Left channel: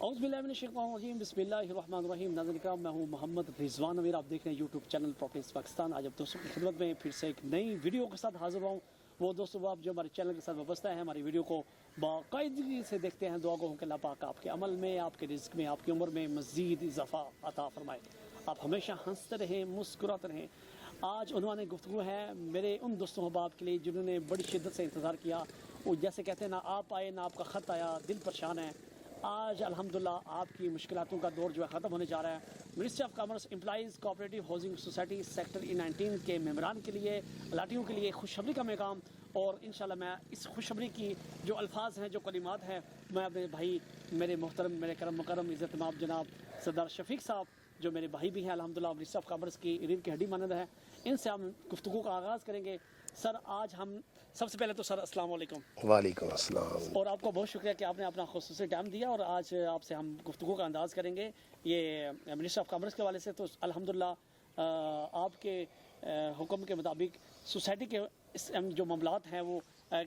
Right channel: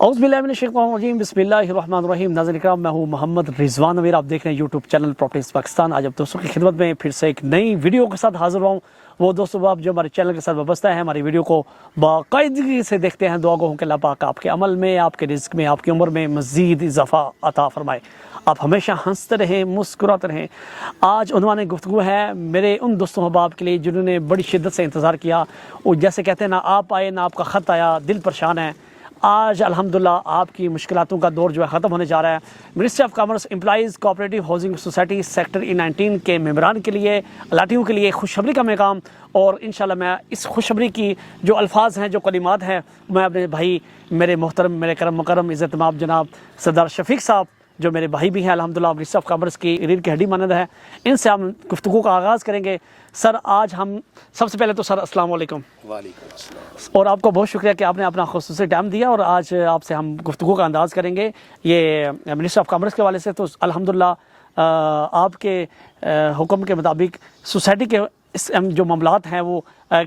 اعوذ باللہ من الشیطان الرجیم، بسم اللہ الرحمن الرحیم۔ ناظرین اکرام، میں ہوں محمد رضوان امیر، آپ دیکھ رہے ہیں یوٹیوب چینل پراپرٹیز پاکستان۔ آج اب دوستوں کی خدمت میں پھر سے ایک نئی ویڈیو کے ساتھ حاضر ہوں۔ وہ دوستوں آپ جو ہمارے چینل کے ساتھ وابستہ ہیں، ہماری ویڈیو کو باقاعدگی سے دیکھتے ہیں، دعا گو ہوں کہ اللہ پاک آپ کے عمل میں، آپ کے رزق میں، آپ کی عمر میں مزید اضافہ عطا فرمائے، آپ ہمیشہ ہنستے رہیں، مسکراتے رہیں۔ آج عنوان گفتگو ہے میرے ان دوستوں احباب کے لیے جنہوں نے بڑی شدت سے انتظار کیا، وہ جیسے کہتے ہیں نہ آپ آئے نہ آپ کا خط آیا، دل پریشان ہے۔ آج الحمدللہ آپ کی مشکلاتوں کا دور جو ہے ختم ہونے جا رہا ہے۔ Ministry of commerce employees cooperative housing society sector E19 کے ممبران کے لیے، الاٹیوں کے لیے خوشخبری کا پیغام، اور انشاءاللہ میں اس خوشخبری کی جو الفاظ ہیں، جو کلمات ہیں، میں اپنے بھائی میرے محترم، میرے کرم مکرم عزت مآب جناب سردار شفیق صاحب، جو میرے بھائی بھی ہیں الحمدللہ، منسٹری آف کامرس کی ریڑھ کی ہڈی مانند ہے، ان سے ہم گفتگو کا آغاز کریں گے۔ سر آج ہم سب سے پہلے تو سر السلام علیکم۔ وعلیکم السلام۔ اور آپ کو بہت شکریہ کہ آپ نے اپنا خصوصی ٹائم دیا، اور آج آپ سے ہم گفتگو کا انداز کریں گے یہ منسٹری آف کامرس کے حوالے سے۔ تو الحمدللہ آپ کے حکم کے مطابق سوسائٹی کے جو معاملات ہیں وہ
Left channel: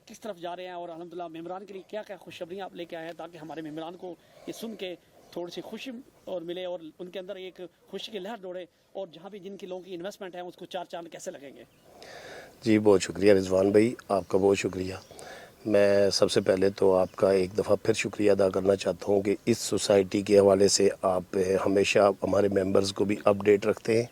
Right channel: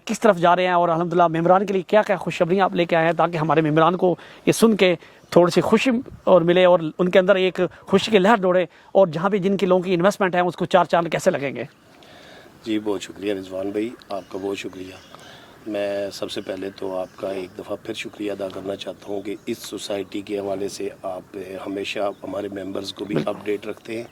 کس طرف جا رہے ہیں، اور الحمدللہ ممبران کے لیے کیا کیا خوشخبریاں آپ لے کے آئے ہیں، تاکہ ہمارے ممبران کو یہ سن کے تھوڑی سی خوشی اور ملے، اور ان کے اندر ایک خوشی کی لہر دوڑے، اور جہاں بھی جن کی لوگوں کی انویسٹمنٹ ہے اس کو چار چاند کیسے لگیں گے۔ جی بہت شکریہ رضوان بھائی، آپ کا بہت شکریہ۔ میں سب سے پہلے تو آپ کا ایک دفعہ پھر شکریہ ادا کرنا چاہتا ہوں کہ اس سوسائٹی کے حوالے سے آپ ہمیشہ ہمارے ممبرز کو بھی اپڈیٹ رکھتے ہیں،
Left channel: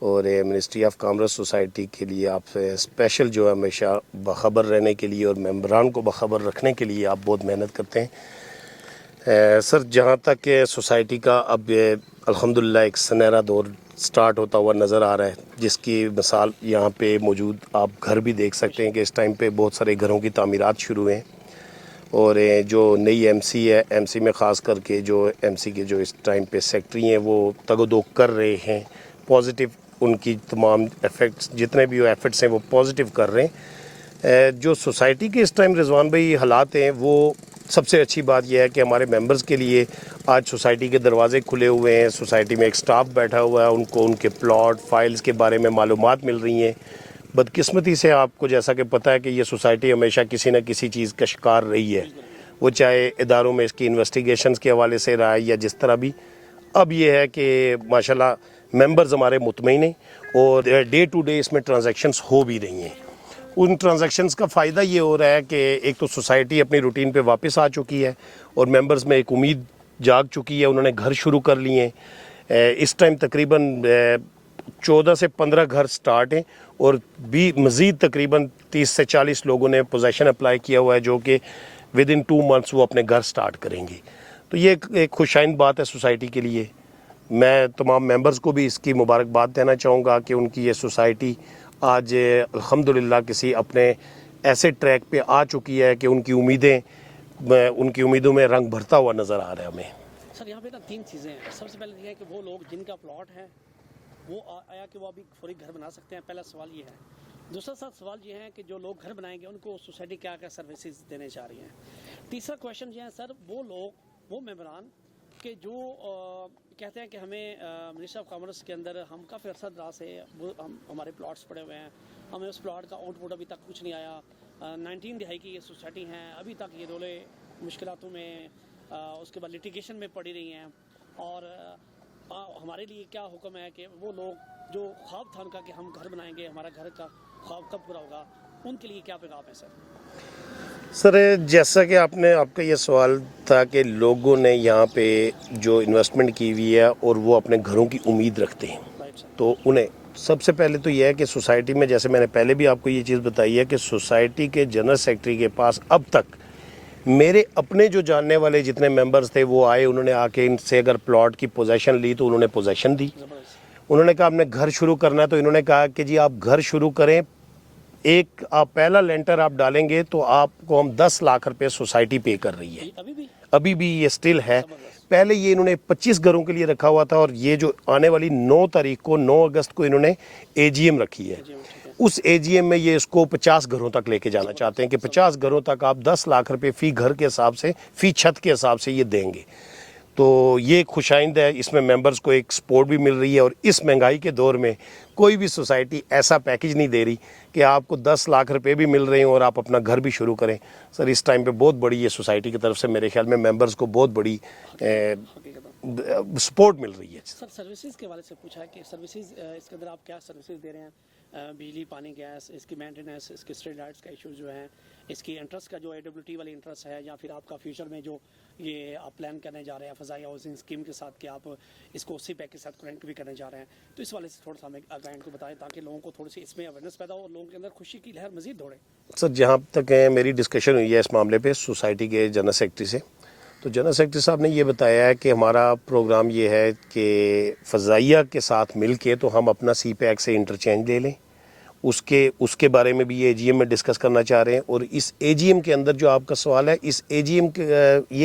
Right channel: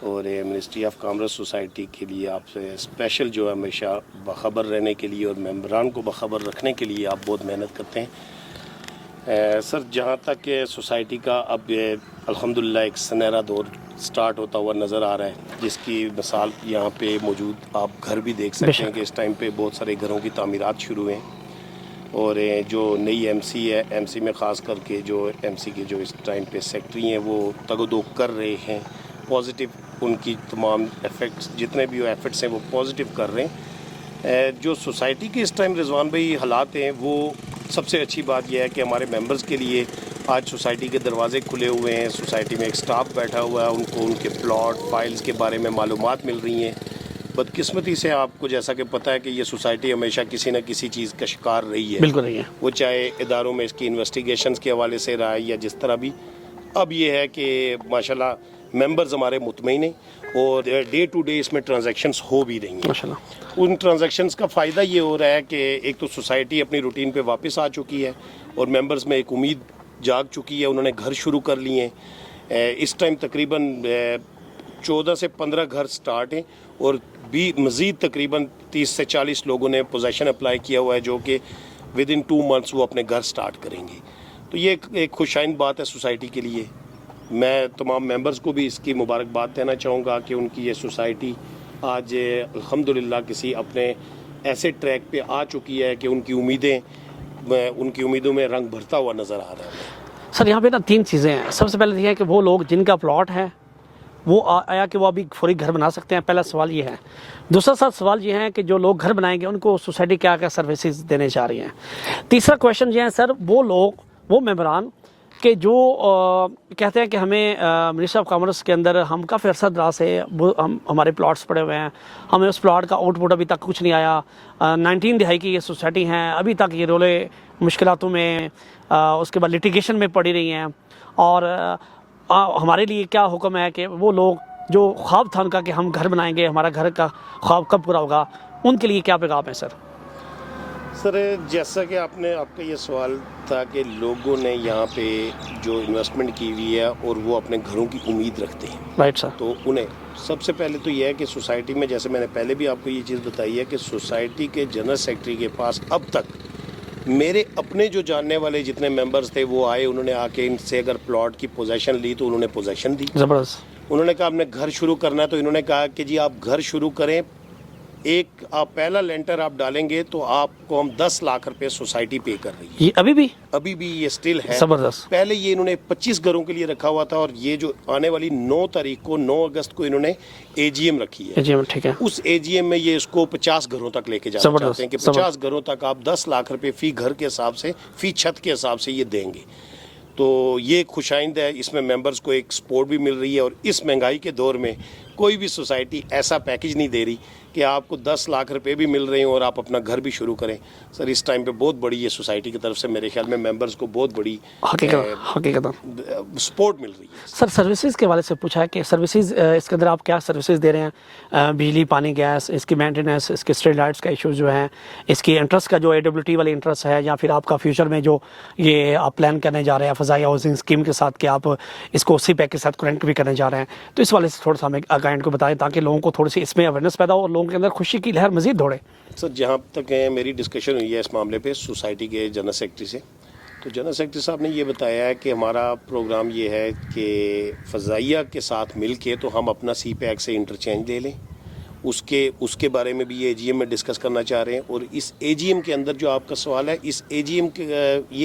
اور منسٹری آف کامرس سوسائٹی کے لیے آپ اسپیشل جو ہے ہمیشہ باخبر رہنے کے لیے اور ممبران کو باخبر رکھنے کے لیے آپ بہت محنت کرتے ہیں۔ سر جہاں تک سوسائٹی کا اب الحمدللہ ایک سنہرا دور سٹارٹ ہوتا ہوا نظر آ رہا ہے، جس کی مثال یہاں پہ موجود آپ گھر بھی دیکھ سکتے ہیں کہ اس ٹائم پہ بہت سارے گھروں کی تعمیرات شروع ہیں، اور جو نئی ایم سی ہے، ایم سی میں خاص کر کے جو ایم سی کے جو اس ٹائم پہ سیکٹری ہیں وہ تگ و دو کر رہے ہیں، پازیٹیو ان کی تمام ایفیکٹس جتنے بھی ایفرٹس ہیں وہ پازیٹیو کر رہے ہیں۔ جو سوسائٹی کے اس ٹائم رضوان بھائی حالات ہیں، وہ سب سے اچھی بات یہ ہے کہ ہمارے ممبرز کے لیے آج سوسائٹی کے دروازے کھلے ہوئے ہیں، سوسائٹی میں ایک سٹاف بیٹھا ہوا ہے، ان کو ان کے پلاٹ فائلز کے بارے میں معلومات مل رہی ہیں۔ بدقسمتی سے آپ کو جیسا کہ پتہ ہے کہ یہ سوسائٹی ہمیشہ کسی نہ کسی چیز کا شکار رہی ہے، بالکل نہیں ہے، وہ چاہے اداروں میں اس کی انویسٹیگیشنز کے حوالے سے رہا ہے یا جس طرح بھی۔ اب یہ ہے کہ ماشاءاللہ ممبرز ہمارے مطمئن ہیں، اور ڈے ٹو ڈے اس میں ٹرانزیکشنز ہو بھی رہی ہیں۔ ماشاءاللہ ان ٹرانزیکشنز کا فائدہ یہ ہو رہا ہے کہ ایک تو سوسائٹی اپنی روٹین پہ واپس آ چکی ہے، اور ممبرز میں ایک امید جاگ چکی ہے، انہوں نے گھر شروع کر لیے ہیں۔ اس ٹائم تقریباً 14 سے 15 گھر سٹارٹ ہیں، اور بھی مزید تقریباً 30 سے 40 لوگوں نے پوزیشن اپلائی کیا ہوا ہے، جو کہ ود ان 2 months وہ اپنے گھر سٹارٹ کریں گے۔ تو یہ ایک خوشائن بات ہے سوسائٹی کے لیے۔ میں تمام ممبرز کو بھی اس کی مبارکباد دینا چاہوں گا کہ ان کی یہ سوسائٹی آج الحمدللہ کسی اپنے ایسے ٹریک پہ آ چکی ہے کہ ان کی امیدوں میں رنگ بھرتا ہوا نظر آ رہا ہے ہمیں۔ سر یہاں پہ نا 3 چیزیں ہیں۔ سب سے پہلے یہ ہے کہ وہ لوگ جن کا پلاٹ ہے وہ آیا کہ وہ ابھی فوری گھر بنا سکتے ہیں، پہلا سوال یہ ہے۔ دوسرا سوال یہ ہے کہ جو لوگ گھر بنائیں گے ان کو سوسائٹی کیا کیا سروسز دینے جا رہی ہیں۔ تیسرا کویشچن یہ ہے سر، وہ لوگ، وہ ممبران کہ جو کہتے ہیں کہ ہمیں منسٹری آف کامرس کے اندر ہم کافی عرصہ دراز سے ہمارے پلاٹس پڑے ہوئے ہیں، ہمیں اس پلاٹ کا آؤٹ پٹ ابھی تک کچھ نہیں آیا، 19 دہائی کی یہ سوسائٹی ہیں، ابھی تک یہ رولے مشکلاتوں میں، اس کے بعد لٹیگیشن میں پڑی رہی ہیں، اور ہمارے لیے کیا حکم ہے کہ وہ لوگ جو خواب تھا ان کا کہ ہم گھر بنائیں گے، ہمارا گھر کا خواب کب پورا ہوگا، ان کے لیے کیا پیغام ہے سر؟ سر جیسا کہ آپ کا یہ سوال تھا کہ لوگوں نے یہاں پہ جو انویسٹمنٹ کی ہوئی ہے اور وہ اپنے گھروں کی امید رکھتے ہیں، رائٹ سر۔ تو انہیں سب سے پہلے تو یہ ہے کہ سوسائٹی میں، جیسے میں نے پہلے بھی آپ کو یہ چیز بتائی ہے کہ سوسائٹی کے جنرل سیکرٹری کے پاس اب تک میرے اپنے جو جاننے والے جتنے ممبرز تھے وہ آئے، انہوں نے آ کے ان سے اگر پلاٹ کی پوزیشن لی تو انہوں نے پوزیشن دی۔ زبردست۔ انہوں نے کہا ہم نے گھر شروع کرنا ہے، تو انہوں نے کہا کہ جی آپ گھر شروع کریں، ایک آپ پہلا لینٹر آپ ڈالیں گے تو آپ کو ہم 10 لاکھ روپے سوسائٹی پے کر رہی ہے۔ یہ ابھی بھی یہ سٹل ہے۔ زبردست۔ پہلے یہ انہوں نے 25 گھروں کے لیے رکھا ہوا تھا، اور یہ جو آنے والی 9 تاریخ کو 9 اگست کو انہوں نے اے جی ایم رکھی ہے۔ جی ٹھیک ہے۔ اس اے جی ایم میں یہ اس کو 50 گھروں تک لے کے جانا چاہتے ہیں کہ 50 گھروں تک آپ 10 لاکھ روپے فی گھر کے حساب سے، فی چھت کے حساب سے یہ دیں گے۔ تو یہ خوشائند ہے، اس میں ممبرز کو ایک سپورٹ بھی مل رہی ہے، اور اس مہنگائی کے دور میں کوئی بھی سوسائٹی ایسا پیکج نہیں دے رہی کہ آپ کو 10 لاکھ روپے بھی مل رہے ہیں اور آپ اپنا گھر بھی شروع کریں۔ سر اس ٹائم پہ بہت بڑی یہ سوسائٹی کی طرف سے میرے خیال میں ممبرز کو بہت بڑی حقیقت سپورٹ مل رہی ہے. سر سروسز کے حوالے سے پوچھا ہے کہ سروسز اس کے اندر آپ کیا سروسز دے رہے ہیں؟ بجلی، پانی، گیس، اس کی مینٹیننس، اس کے اسٹریٹ لائٹس کا ایشو جو ہے، اس کی انٹرسٹ کا جو AWT والی انٹرسٹ ہے، یا پھر آپ کا فیوچر میں جو یہ آپ پلان کرنے جا رہے ہیں فضائی ہاؤسنگ اسکیم کے ساتھ کہ آپ اس کو اسی پیک کے ساتھ کرنٹ بھی کرنے جا رہے ہیں، تو اس والے سے تھوڑا سا ہمیں کلائنٹ کو بتائیں تاکہ لوگوں کو تھوڑی سی اس میں اویئرنیس پیدا ہو اور لوگوں کے اندر خوشی کی لہر مزید دوڑے. سر جہاں تک میری ڈسکشن ہوئی ہے اس معاملے پہ سوسائٹی کے جنرل سیکرٹری سے، تو جنرل سیکرٹری صاحب نے یہ بتایا ہے کہ ہمارا پروگرام یہ ہے کہ فضائیہ کے ساتھ مل کے تو ہم اپنا سی پیک سے انٹرچینج لے لیں. اس کے بارے میں بھی یہ AGM میں ڈسکس کرنا چاہ رہے ہیں. اور اس AGM کے اندر جو آپ کا سوال ہے، اس یہ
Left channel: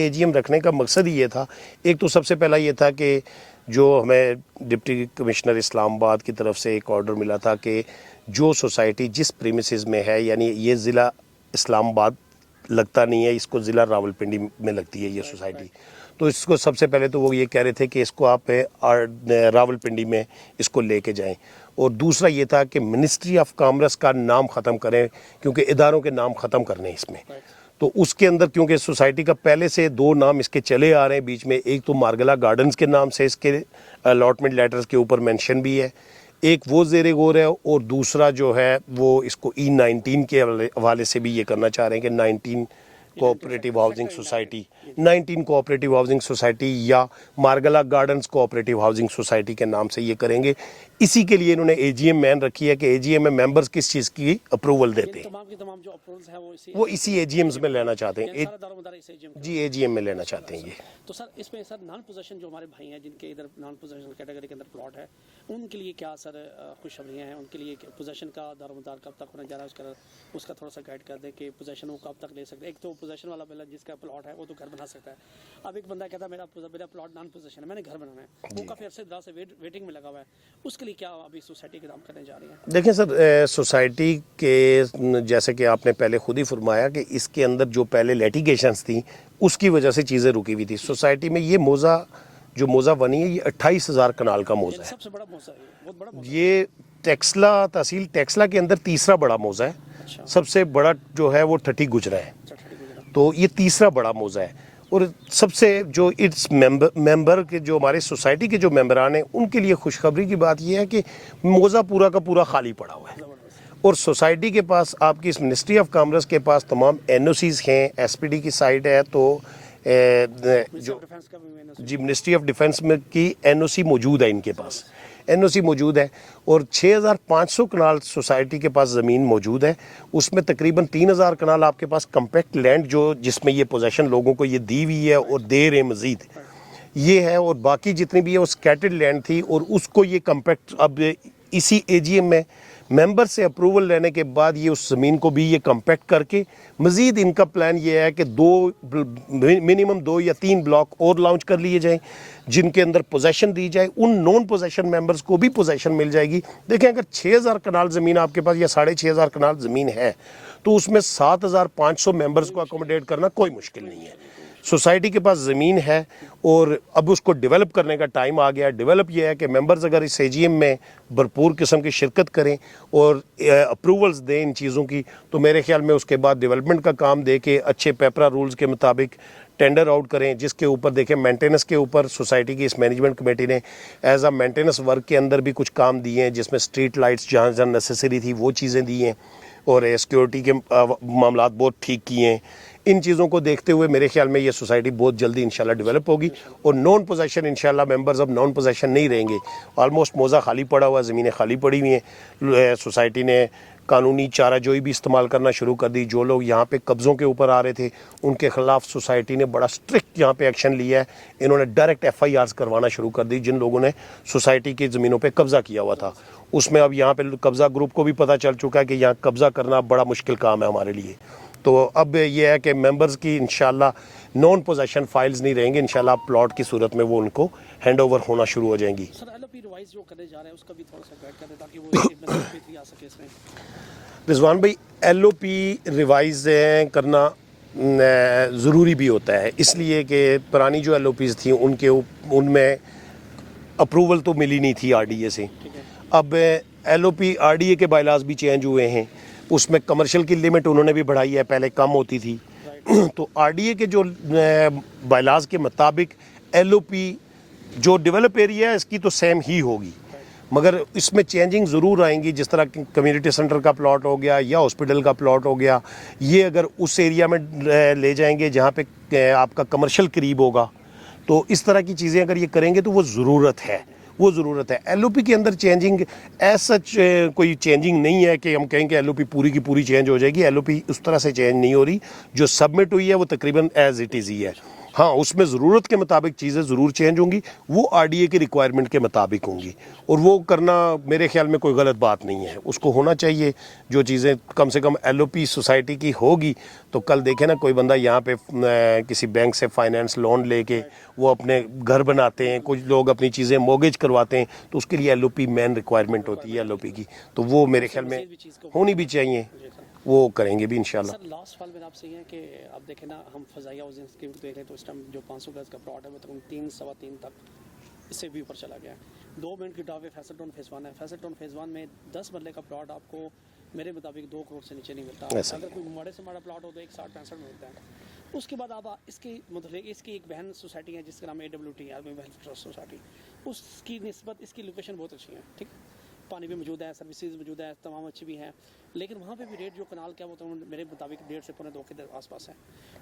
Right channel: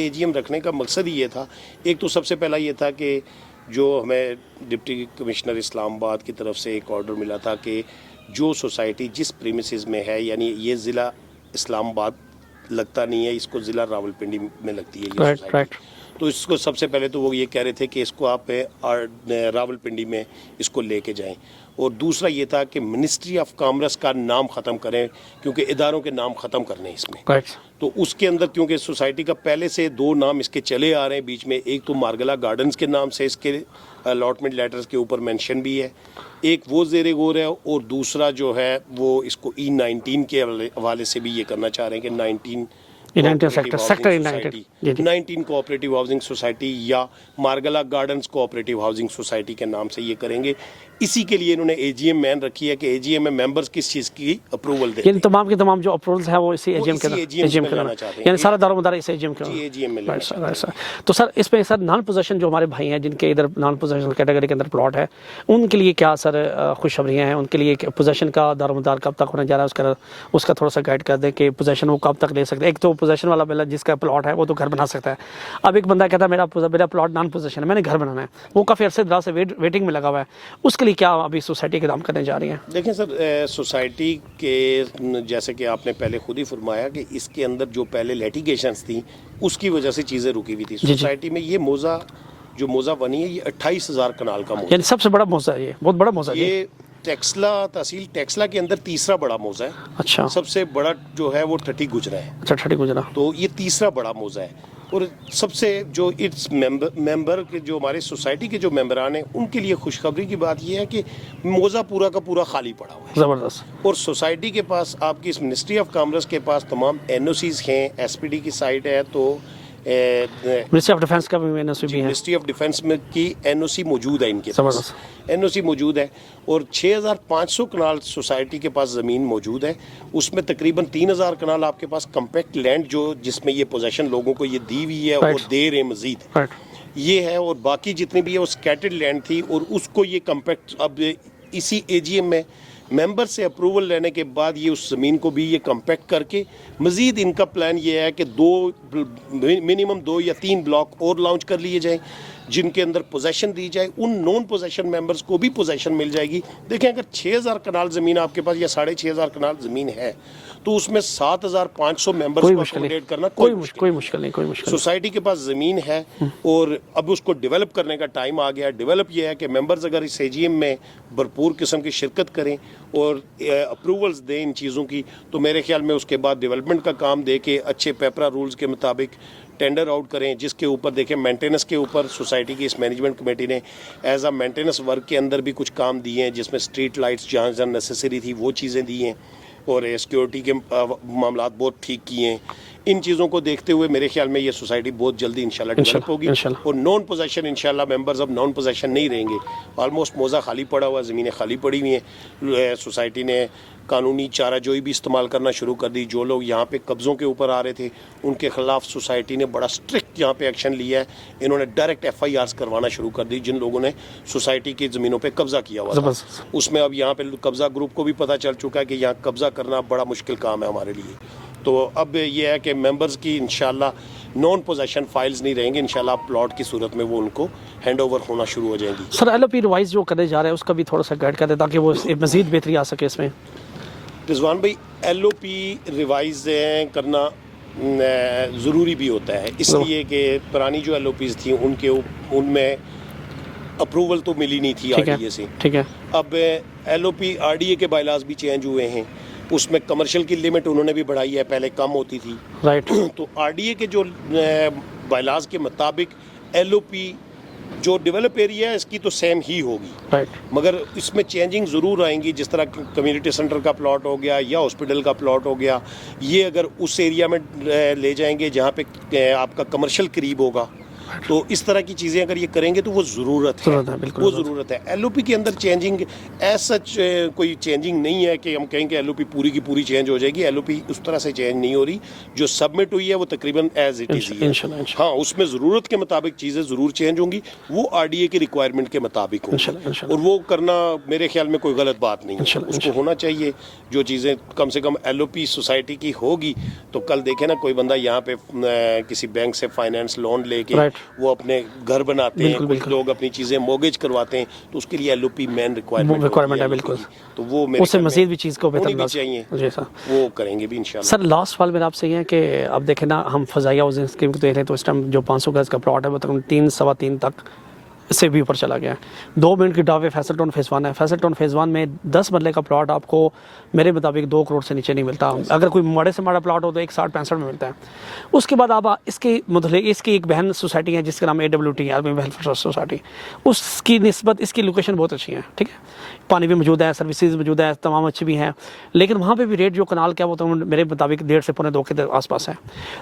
AGM رکھنے کا مقصد ہی یہ تھا. ایک تو سب سے پہلا یہ تھا کہ جو ہمیں ڈپٹی کمشنر اسلام آباد کی طرف سے ایک آرڈر ملا تھا کہ جو سوسائٹی جس پریمیسز میں ہے، یعنی یہ ضلع اسلام آباد لگتا نہیں ہے، اس کو ضلع راولپنڈی میں لگتی ہے یہ سوسائٹی، تو اس کو سب سے پہلے تو وہ یہ کہہ رہے تھے کہ اس کو آپ راولپنڈی میں اس کو لے کے جائیں. اور دوسرا یہ تھا کہ منسٹری آف کامرس کا نام ختم کریں، کیونکہ اداروں کے نام ختم کرنے اس میں. تو اس کے اندر کیونکہ سوسائٹی کا پہلے سے 2 نام اس کے چلے آ رہے ہیں بیچ میں، ایک تو مارگلا گارڈنز کے نام سے اس کے الاٹمنٹ لیٹرز کے اوپر مینشن بھی ہے، ایک وہ زیر غور ہے، اور دوسرا جو ہے وہ اس کو E19 کے حوالے سے بھی یہ کرنا چاہ رہے ہیں کہ 19 کوآپریٹیو ہاؤسنگ سوسائٹی یا Margalla gardens cooperative housing society کے نام سے یہ کریں گے. اسی کے لیے انہوں نے AGM مین رکھی ہے کہ AGM میں ممبرز کس چیز کی اپروول دیں، یعنی تمام کے تمام جو اپروولز ہیں وہ اسی AGM میں لینا چاہتے ہیں، یعنی سارا دار و مدار اس AGM جی AGM میں لینا چاہتے ہیں. تو سر اس پہ سر نان پوزیشن جو ہمارے بھائی ہیں جن کے ادھر نان پوزیشن کیٹیگری کے اندر پلاٹ ہے، ان کے لیے کیا سر خوشخبریاں ہیں؟ ان کے لیے پوزیشن کا دار و مدار کب تک ہونے جا رہا ہے، اس کا تھوڑا سا گائیڈ کر دیں کہ پوزیشن وہ کب تک لے سکتے ہیں. ایک تو پوزیشن والا بندہ جس کا پلاٹ ہے وہ تو گھر بنا سکتا ہے. اب ایک بندہ کہتا ہے میرا پلاٹ نان پوزیشن ہے، میں نے گھر بنانا ہے، وہ کافی عرصے دراز سے ویٹنگ میں لگا ہوا ہے، اس کے لیے کیا ابھی سوسائٹی کے کام کرنے جا رہی ہیں؟ دیکھیں سر، سوسائٹی کے جیسے کہ آپ نے پہلے خود ہی فرمایا کہ اس کے اندر جو پہلے لیٹیگیشنز تھیں اس کی وجہ سے چیزیں رکی ہوئی تھی. سوسائٹی میں یہ موضع جو موضع بنی ہے یہ 28,000 کنال کا موضع، یعنی سب سے بڑا موضع ہے، یہ بہت بڑا موضع ہے. یہ ٹیکسلا تحصیل ٹیکسلا کے اندر تیسرا بڑا موضع ہے. اچھا، سب سے بڑا جو ہے وہ ٹھٹی گجرا ہے. اچھا، ٹھٹی گجرا، تو یہ تیسرا بڑا موضع ہے. اور سب سے جو اٹس ممبر کے جو ہمارے سوسائٹی کے جو ممبران ہیں ان کے لیے خوشخبری کی بات یہ ہے کہ موضع پورا کا پورا خالی پڑا ہوا ہے، زبردست. اور سوسائٹی کے پاس آپ کی اس منسٹری آف کامرس کے پاس تمام NOCs ہیں، SPD کی سائٹ ہے، تو منسٹری آف ڈیفنس کا بھی منسٹری آف ڈیفنس میں کی NOC موجود ہے، ان کے پاس NOC موجود ہے. اور 6,500 کنال سوسائٹی کے پاس زمین موجود ہے، اس میں تقریباً 3,000 کنال آپ کے پاس کمپیکٹ لینڈ جو جس میں یہ پوزیشن لوگوں کو یہ دی ہوئی ہے اور دے رہے مزید یہ ہے، اور باقی جتنی بھی ہے وہ سکیٹرڈ لینڈ تھی، اور اس کو یہ کمپیکٹ اب اسی AGM میں ممبر سے اپروول لینے کے بعد یہ اس زمین کو بھی یہ کمپیکٹ کر کے مزید ان کا پلان یہ ہے کہ منیمم 2 یا 3 بلاک اور لانچ کر لیے جائیں جن کے اندر پوزیشن دی جائے، ان نون پوزیشن ممبرز کو بھی پوزیشن مل جائے گی. دیکھیں اگر 6,000 کنال زمین آپ کے پاس یا 6,500 کنال زمین ہے تو اس میں 7,500 ممبرز کو اکوموڈیٹ کرنا کوئی مشکل نہیں. سوسائٹی کے پاس زمین ہے اور اب اس کو ڈیولپ کرنے کا ٹائم آ گیا. ڈیولپ یہ ہے کہ ممبرز اگر اس AGM میں بھرپور قسم کی شرکت کریں اور اپروولز دیں ان چیزوں کی، تو میرے خیال میں اس کے بعد ڈیولپمنٹ کا کام دے کے اچھے پیپرا رولز کے مطابق ٹینڈر آؤٹ کریں، جس کے اوپر دیکھیں مینٹیننس کے اوپر سوسائٹی کی اس مینجمنٹ کمیٹی نے ایز اے مینٹیننس ورک کے اندر بھی کچھ کام دیے ہیں، جس میں اسٹریٹ لائٹس جہاں جہاں نیسیسری تھی وہ چیزیں دی ہیں، اور سیکیورٹی کے معاملات بہت ٹھیک کیے ہیں. ان چیزوں کو دیکھتے ہوئے میرے خیال میں یہ سوسائٹی بہت جلدی انشاءاللہ ڈیولپ ہوگی، اور نون پوزیشن انشاءاللہ ممبرز اب نون پوزیشن نہیں رہیں گے. آلموسٹ موضع خالی پڑا ہوا، زمینیں خالی پڑی ہوئی ہیں. سوسائٹی نے قانونی چارہ جوئی بھی استعمال کرنا شروع کر دی. جو لوگ یہاں پہ قبضوں کے اوپر آ رہے تھے ان کے خلاف سوسائٹی نے بڑا سٹرکٹ یہاں پہ ایکشن لیا ہے. انہوں نے ڈائریکٹ FIRs کروانا شروع کر دی جن لوگوں نے سوسائٹی کی زمینوں پہ قبضہ کیا ہوا تھا. اس میں اب یہاں پہ قبضہ گروپ کو بھی پتہ چل چکا ہے کہ یہاں قبضہ کرنا بڑا مشکل کام ہے ہمارے لیے. تو اب یہ ہے کہ ممبرز کی انشاءاللہ نون پوزیشن فائلز نہیں رہیں گے، انشاءاللہ پلاٹ کی صورت میں وہ ان کو ہینڈ اوور ہونا شروع ہو جائیں گی. سر LOP ریوائز جو کرنے جا رہے ہیں اس کا بھی تھوڑا سا گائیڈ کر دیں تاکہ وہ مزید بہتری آ سکے اس میں. رضوان بھائی LOP ریوائز کرنا ضروری بھی ہوتا ہے، اس لیے کہ پرانی جو LOPs تھیں ان میں اپروول تو ملی نہیں تھی RDA سے. ٹھیک ہے. اب LOP RDA کے بائیلاز بھی چینج ہوئے ہیں، اس میں کمرشل کی لمٹ انہوں نے بھی بڑھائی ہے، پہلے کم ہوتی تھی. رائٹ. تو RDA کے جو بائیلاز کے مطابق LOP جو ڈیولپ ایریا ہے اس کی تو سیم ہی ہوگی, رائٹ. مگر اس میں چینجنگ ضرور آئیں گی, جس طرح کمیونٹی سینٹر کا پلاٹ ہو گیا یا ہاسپٹل کا پلاٹ ہو گیا, یہ اگر اس ایریا میں لے جائیں گے جہاں پہ آپ کا کمرشل قریب ہوگا, تو اس طرح کی چیزیں اگر یہ کریں گے تو وہ ضرورت ہے, وہ ضرورت ہے. LOP کے اندر چینجنگ ایز سچ کوئی چینجنگ نہیں ہے کہ ہم کہیں کہ LOP پوری کی پوری چینج ہو جائے گی. LOP اس طرح سے چینج نہیں ہو رہی, جو سبمٹ ہوئی ہے وہ تقریباً ایز اٹ از ہی ہے. ہاں, اس میں ضرورت کے مطابق چیزیں ضرور چینج ہوں گی, وہ RDA کی ریکوائرمنٹ کے مطابق ہوں گی, اور وہ کرنا میرے خیال میں کوئی غلط بات نہیں ہے. اس کو ہونا چاہیے جو چیزیں کم سے کم LOP سوسائٹی کی ہوگی, تو کل دیکھیں نا کوئی بندہ یہاں پہ کسی بینک سے فائنینس لون لے کے وہ اپنے گھر بناتے ہیں, کچھ لوگ اپنی چیزیں موگیج کرواتے ہیں, تو اس کے لیے LOP مین ریکوائرمنٹ ہے. بالکل, تو وہ میرے خیال میں مزید بھی چیز کو ہونی بھی چاہیے, وہ کریں گے بھی انشاءاللہ. سر لاسٹ سوال میرا آپ سے یہ ہے کہ اب دیکھیں نا, ہم فضائیہ ہاؤسنگ اسکیم کو دیکھ رہے ہیں, تو اس ٹائم جو 500 گز کا پلاٹ ہے وہ تقریباً 3 سوا 3 تک اس سے بھی اوپر چلا گیا ہے. 2 منٹ کی ڈاو ہے فیصل ٹاؤن فیز 1 ہے. فیصل ٹاؤن فیز 1 میں 10 مرلے کا پلاٹ آپ کو میرے مطابق 2 کروڑ سے نیچے نہیں ملتا. اگر کوئی ماڑے سے ماڑا پلاٹ ہو تو 160-65 میں ملتا ہے. اس کے بعد آپ اس کی متعلق اس کی ایک بہن سوسائٹی ہے جس کا نام AWT عالمی ویلفیئر ٹرسٹ سوسائٹی, اس کی نسبت اس کی لوکیشن بہت اچھی ہے, ٹھیک ہے, پانی بھی موجود ہے, سروسز موجود ہے, تمام اچھی بھی ہیں, لیکن وہاں پہ بھی ریٹ جو کنال کا وہ تو میرے مطابق 1.5 سے 2.25 کے آس پاس ہے.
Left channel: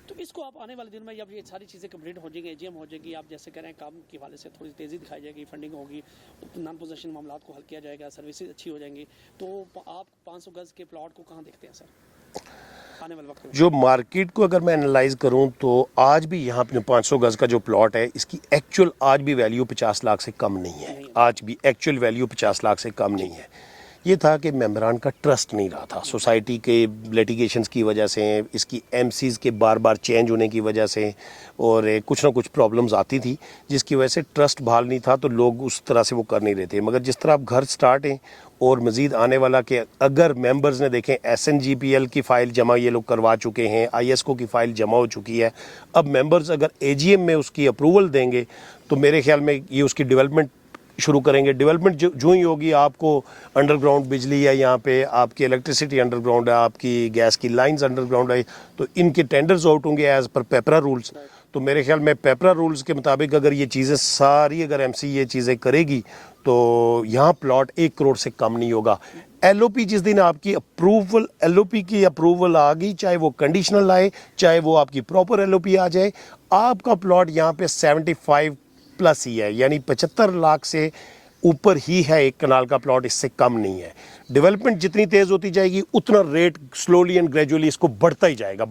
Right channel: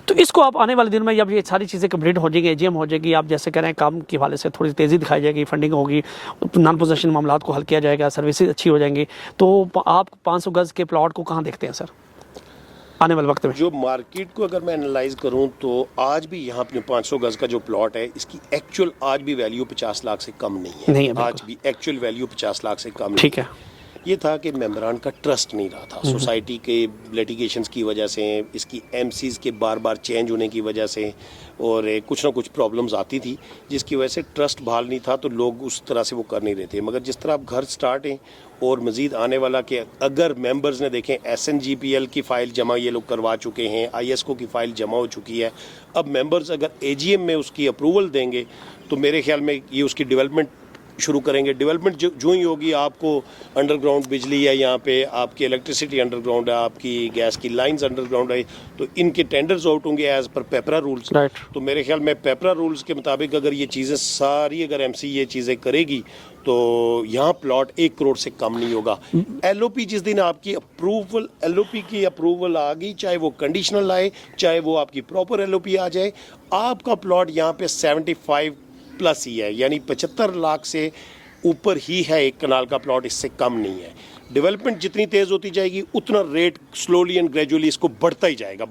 تو اس کو آپ آنے والے دن میں جب یہ ساری چیزیں کمپلیٹ ہو جائیں گی, AGM ہو جائے گی, آپ جیسے کہہ رہے ہیں کام کے حوالے سے تھوڑی تیزی دکھائی جائے گی, فنڈنگ ہوگی, نان پوزیشن معاملات کو حل کیا جائے گا, سروسز اچھی ہو جائیں گی, تو آپ 500 گز کے پلاٹ کو کہاں دیکھتے ہیں سر آنے والے وقت میں؟ جو مارکیٹ کو اگر میں انالائز کروں تو آج بھی یہاں پہ 500 گز کا جو پلاٹ ہے اس کی ایکچوئل آج بھی ویلیو 50 لاکھ سے کم نہیں ہے. آج بھی ایکچوئل ویلیو 50 لاکھ سے کم نہیں ہے. یہ تھا کہ ممبران کا ٹرسٹ نہیں رہا تھا, سوسائٹی کے لیٹیگیشنز کی وجہ سے, اس کی MCs کے بار بار چینج ہونے کی وجہ سے, اور کچھ نہ کچھ پرابلمز آتی تھی جس کی وجہ سے ٹرسٹ بحال نہیں تھا, تو لوگ اس طرح سے وہ کر نہیں رہے تھے. مگر جس طرح اب گھر سٹارٹ ہیں اور مزید آنے والا کہ اگر ممبرز نے دیکھیں SNGPL کی فائل جمع یہ لوگ کروا چکے ہیں, ISCO کی فائل جمع ہو چکی ہے, اب ممبرز اگر AGM میں اس کی اپروول دیں گے تو میرے خیال میں یہ اس کی ڈیولپمنٹ شروع کریں گے. ڈیولپمنٹ جو ہی ہوگی, آپ کو انڈر گراؤنڈ بجلی ہے, یہاں پہ آپ کی الیکٹریسٹی انڈر گراؤنڈ ہے, آپ کی گیس کی لائنز انڈر گراؤنڈ ہے, تو ان کے ٹینڈرز آؤٹ ہوں گے ایز پر پیپرا رولز. تو میرے خیال میں پیپرا رولز کے مطابق اگر یہ چیزیں ساری اگر MC یہ چیزیں کرے گی تو یہاں پلاٹ 1 کروڑ سے کم نہیں ہوگا. LOP جس دن آپ کی اپروول LOP کی اپروول آ گئی, چاہے وہ کنڈیشنل آئے چاہے وہ آپ کی پراپر LOP آ جائے, آپ کا پلاٹ یہاں پہ 75 پلس ہی ہے, یعنی 75 لاکھ سے اوپر ہی ہے ایک کنال کا پلاٹ, اس سے کم نہیں ہے. ڈیولپمنٹ جتنی تیز ہوتی جائے گی اتنا ریٹ سلولی اینڈ گریجولی اس کو بڑھتا ہی جائے گا.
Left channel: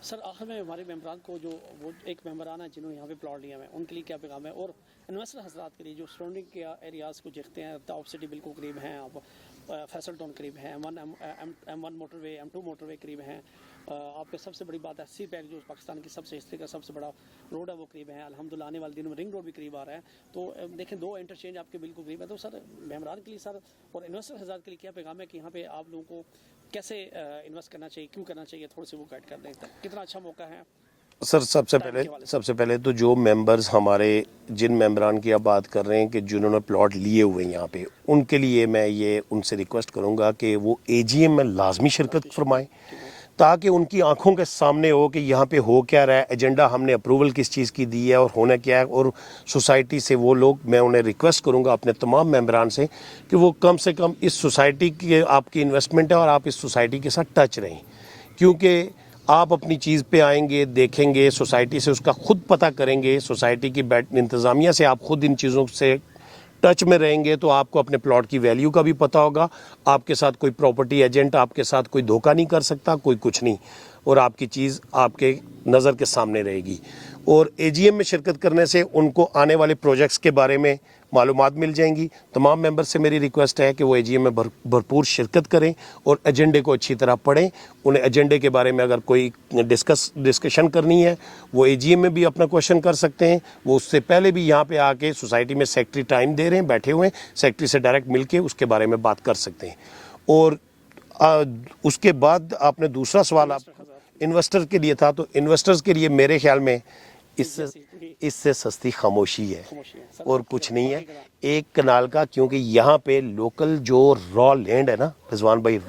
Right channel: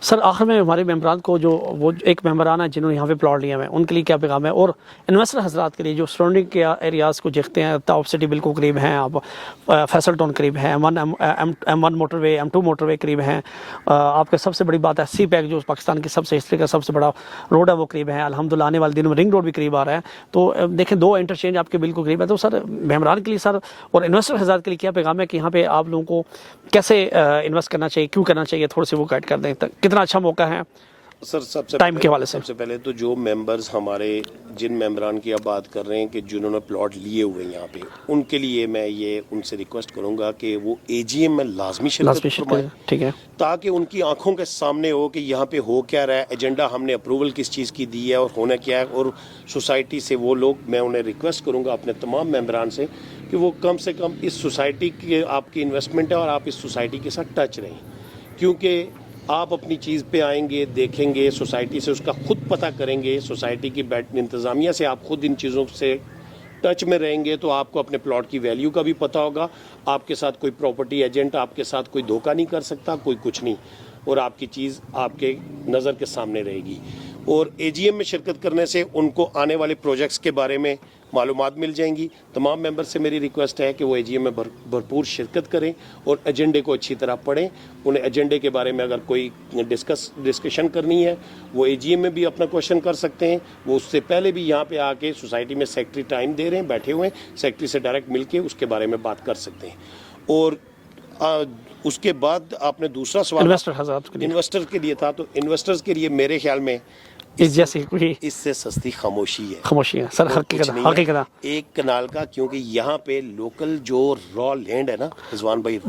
سر آخر میں ہمارے ممبران کو جو وہ ایک ممبران ہے جنہوں نے یہاں پہ پلاٹ لیا ہے, ان کے لیے کیا پیغام ہے, اور انویسٹر حضرات کے لیے جو سراؤنڈنگ کے ایریاز کو دیکھتے ہیں, ٹاپ سٹی بالکل قریب ہیں, آپ فیصل ٹاؤن قریب ہیں, M1 موٹر وے, M2 موٹر وے قریب ہیں, آپ کا سب سے بڑی بات ہے CPEC جو پاکستان کی سب سے ہسٹری کا سب سے بڑا روڈ ہے وہ قریب ہے, الحمدللہ آنے والے دنوں میں رنگ روڈ بھی قریب آ رہا ہے. تو دیکھیں 2 انٹرچینج آپ کے بالکل قریب ہے. تو سر ممبران کے لیے سر اور انویسٹر حضرات کے لیے کیا پیغام ہے کہ یہاں پہ آپ لوگوں کو کیسے انویسٹ کرنا چاہیے, کیوں کرنا چاہیے, تھوڑے سے وہ گائیڈ کر دیں, کتنا اچھا موقع ہے سر. سب سے پہلے تو جو ممبرز ہمارے جن ممبران کی آپ بات کر رہے ہیں کہ جنہوں نے پلاٹ لیے ہوئے ہیں یہاں پہ, ان کے لیے میں یہ ان سے ریکویسٹ کروں گا کہ وہ AGM میں لازمی شرکت فرمائیں, ٹھیک ہے, تاکہ ان کی آنکھوں کے سامنے ہو کہ یہاں پہ ہو کیا رہا ہے, ایجنڈا ہم نے اپروول کس چیز کی دی ہے اور ہونا کیا ہے. اور سوسائٹی سے وہ لوگ, میں انہیں ریکویسٹ کروں گا اپنے تمام ممبران سے کہ وہ کم سے کم اس سوسائٹی کی آپ کی انویسٹمنٹ ہے اور آپ اس سوسائٹی کے ساتھ ٹچ رہیں, کیونکہ آپ اپنی چیز پہ آئیں گے, دیکھیں گے, سوسائٹی سے اس کا خود پتہ کریں گے, سوسائٹی کی انتظامیہ سے آپ خود ان چیزوں سے ٹچ میں رہیں گے, تو آپ کو اپنے پلاٹ کی ویلیو کا بھی پتہ ہوگا. آپ کے ساتھ کوئی پراپرٹی ایجنٹ آپ کے ساتھ کوئی دھوکہ نہیں کر سکتا, کوئی کچھ نہیں, اور آپ کی چیز آپ کے نظر کے سامنے رہے گی. اور AGM میں شرکت کرنے سے ان کو آنے والے پروجیکٹس کے بارے میں معلومات مل جائیں گی. تمام ممبر سے میری ریکویسٹ ہے کہ وہ AGM میں بھرپور شرکت کریں اور ایجنڈے کو اچھی طرح پڑھیں. انہیں ایجنڈے کے بارے میں اگر کوئی ڈسکشن کرنی ہے وہ AGM میں بھی اپنا کوشچن کر سکتے ہیں. وہ اس سے پہلے بھی یہاں پہ آ کے سوسائٹی میں سیکرٹری ٹائم دے رہے ہیں, بیٹھے ہوئے ہیں, سیکرٹری سے ڈائریکٹ مل کے اس کے بارے میں بات کر سکتے ہیں. اور اس کے بعد آپ نے دوسرا سوال انویسٹر کے لیے تھا, تو انویسٹرز کے لیے میرے خیال میں اس سے سستی خاموشی ہے سر, ایک کنال کا, کیونکہ یہاں پہ لوکل جو را لینڈ ہے نا رضوان بھائی,